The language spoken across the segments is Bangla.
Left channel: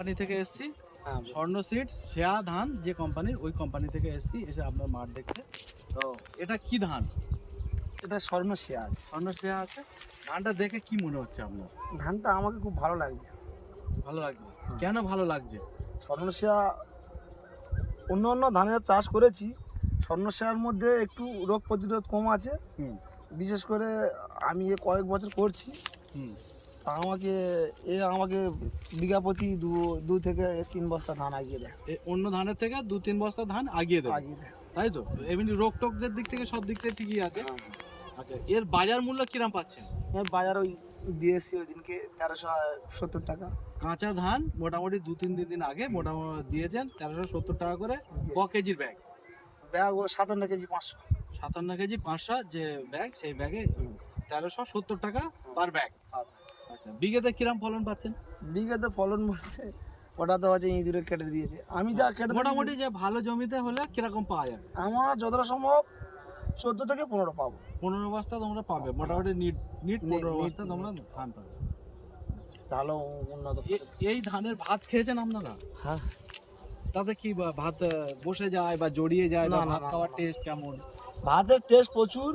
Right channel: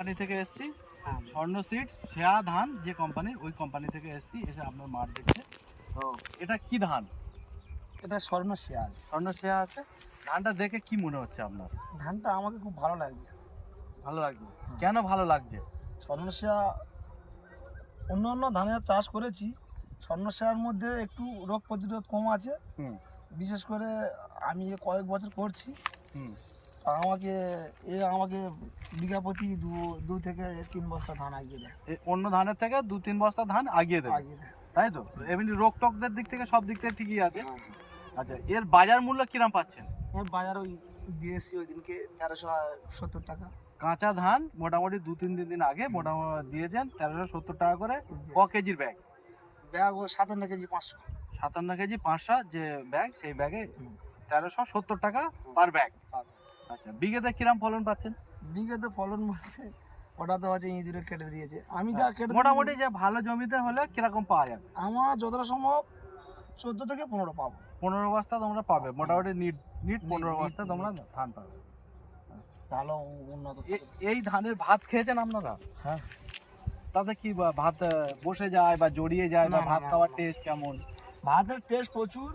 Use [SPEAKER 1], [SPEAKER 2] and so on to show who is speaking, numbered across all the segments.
[SPEAKER 1] কোম্পানি থেকে এসেছি।
[SPEAKER 2] হ্যাঁ
[SPEAKER 1] স্বর্ণ সিড শেয়া ধান যে কোম্পানির ওই কোম্পানি থেকে এসেছি এসে আপনার মাঠ দেখছে। তো এটা কি ধান?
[SPEAKER 2] এটা স্বর্ণ আছে।
[SPEAKER 1] স্বর্ণ শেয়া আছে। ধানটা দেখে কি মনে হচ্ছে আপনার?
[SPEAKER 2] ধানটা আমাকে খুব ভালো লাগছে।
[SPEAKER 1] ভালো লাগছে? কেন ভালো লাগছে?
[SPEAKER 2] স্বর্ণশিয়া অন্য অন্য ধানের চাষ করেছি। স্বর্ণশিয়ার মধ্যে একটু রোগ প্রতিরোধ কম আছে। বিশেষ করে আমি এ কয়েক বছর করছি। আমাকে এ আমাকে বিঘা প্রতি দু দু থেকে তিন বস্তা ধান আগিয়ে দেয়।
[SPEAKER 1] এ অন্য ধানের থেকে দু তিন বস্তা ধান আগিয়ে
[SPEAKER 2] আগিয়ে দেয়।
[SPEAKER 1] তাই তো? এমনি রোগ টোকদের দিক থেকে সব দিক থেকে ঠিকই আছে।
[SPEAKER 2] হ্যাঁ।
[SPEAKER 1] আচ্ছা এর বাজার মূল্য কিরাম পাচ্ছেন?
[SPEAKER 2] বাজার ওই দিয়েছি ওই দিনকে তেরোশো সত্তর টাকা।
[SPEAKER 1] কাঁচা ধান মোটামুটি দু তিন দিন আগে মোটামুটি দিয়েছেন তেরোশো সত্তর টাকা করে ক কেজির ব্যাগ?
[SPEAKER 2] ব্যাগ ও সাতান্ন কেজি পাঁচশো।
[SPEAKER 1] সাতান্ন কেজি পাঁচশো যে ব্যাগ সেই ব্যাগে তেরোশো সত্তর টাকা পার ব্যাগ। আচ্ছা বিঘেতে কিরাম ফলন পাচ্ছেন?
[SPEAKER 2] বিঘাতে ফলন বলতে ওটা তো হচ্ছে ইঁদুরে কেটে দিয়েছে। আমি যা কেটে
[SPEAKER 1] মোটামুটি যে ভালো জমিতে হলে কীরকম পাওয়া যাবে?
[SPEAKER 2] আমার যতটা সম্ভব চোদ্দ থেকে পনেরো পাবো।
[SPEAKER 1] পনেরো বস্তা তোমরা পাবে মোটামুটি নিট নিট পনেরো বস্তা তোমরা ধান পাবে।
[SPEAKER 2] তাহলে উন্নত।
[SPEAKER 1] এই ধানের ভাত খেয়েছেন আপনারা?
[SPEAKER 2] হ্যাঁ।
[SPEAKER 1] তাতে কি ভাত বসে যায় বা জড়িয়ে যায় বা ভাত খাওয়ার টেস্ট কেমন?
[SPEAKER 2] ভাতের টেস্ট প্রচুর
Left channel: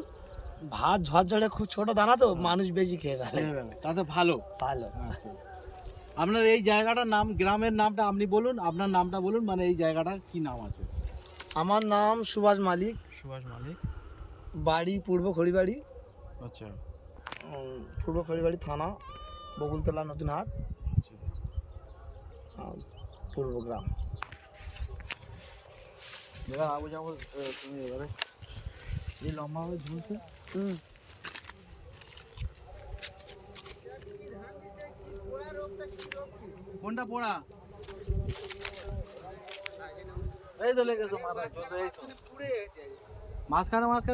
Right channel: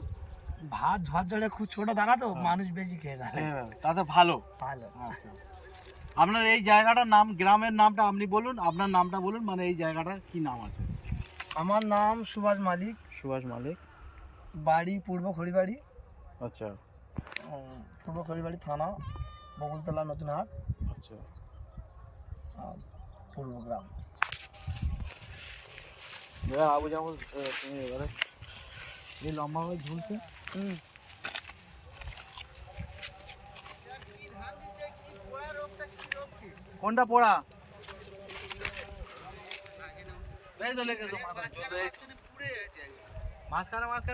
[SPEAKER 2] ভাত ঝরঝরে খুব ছোট দানা তো
[SPEAKER 1] হ্যাঁ।
[SPEAKER 2] মানুষ বেশি খেয়ে ফেলে।
[SPEAKER 1] তাতে ভালো।
[SPEAKER 2] ভালো।
[SPEAKER 1] আচ্ছা। আপনার এই জায়গাটার নাম গ্রামের নামটা আপনি বলুন আপনার নামটা বলুন মানে এই জায়গাটার কি নাম আছে?
[SPEAKER 2] আমার নাম সুভাষ মালিক।
[SPEAKER 1] সুভাষ মালিক।
[SPEAKER 2] বাড়ি পূর্ব খড়িবাড়ি।
[SPEAKER 1] আচ্ছা।
[SPEAKER 2] পূর্ব খড়িবাড়ি থানা বকুলতলা নতুন হাট
[SPEAKER 1] আচ্ছা
[SPEAKER 2] পূর্ব গ্রাম।
[SPEAKER 1] আবু যাব এই লম্বা হয়ে ঝুলছে।
[SPEAKER 2] হুম।
[SPEAKER 1] কোনটা পড়া? এই তো লেগেছে। মাঝখানে মাঝখানে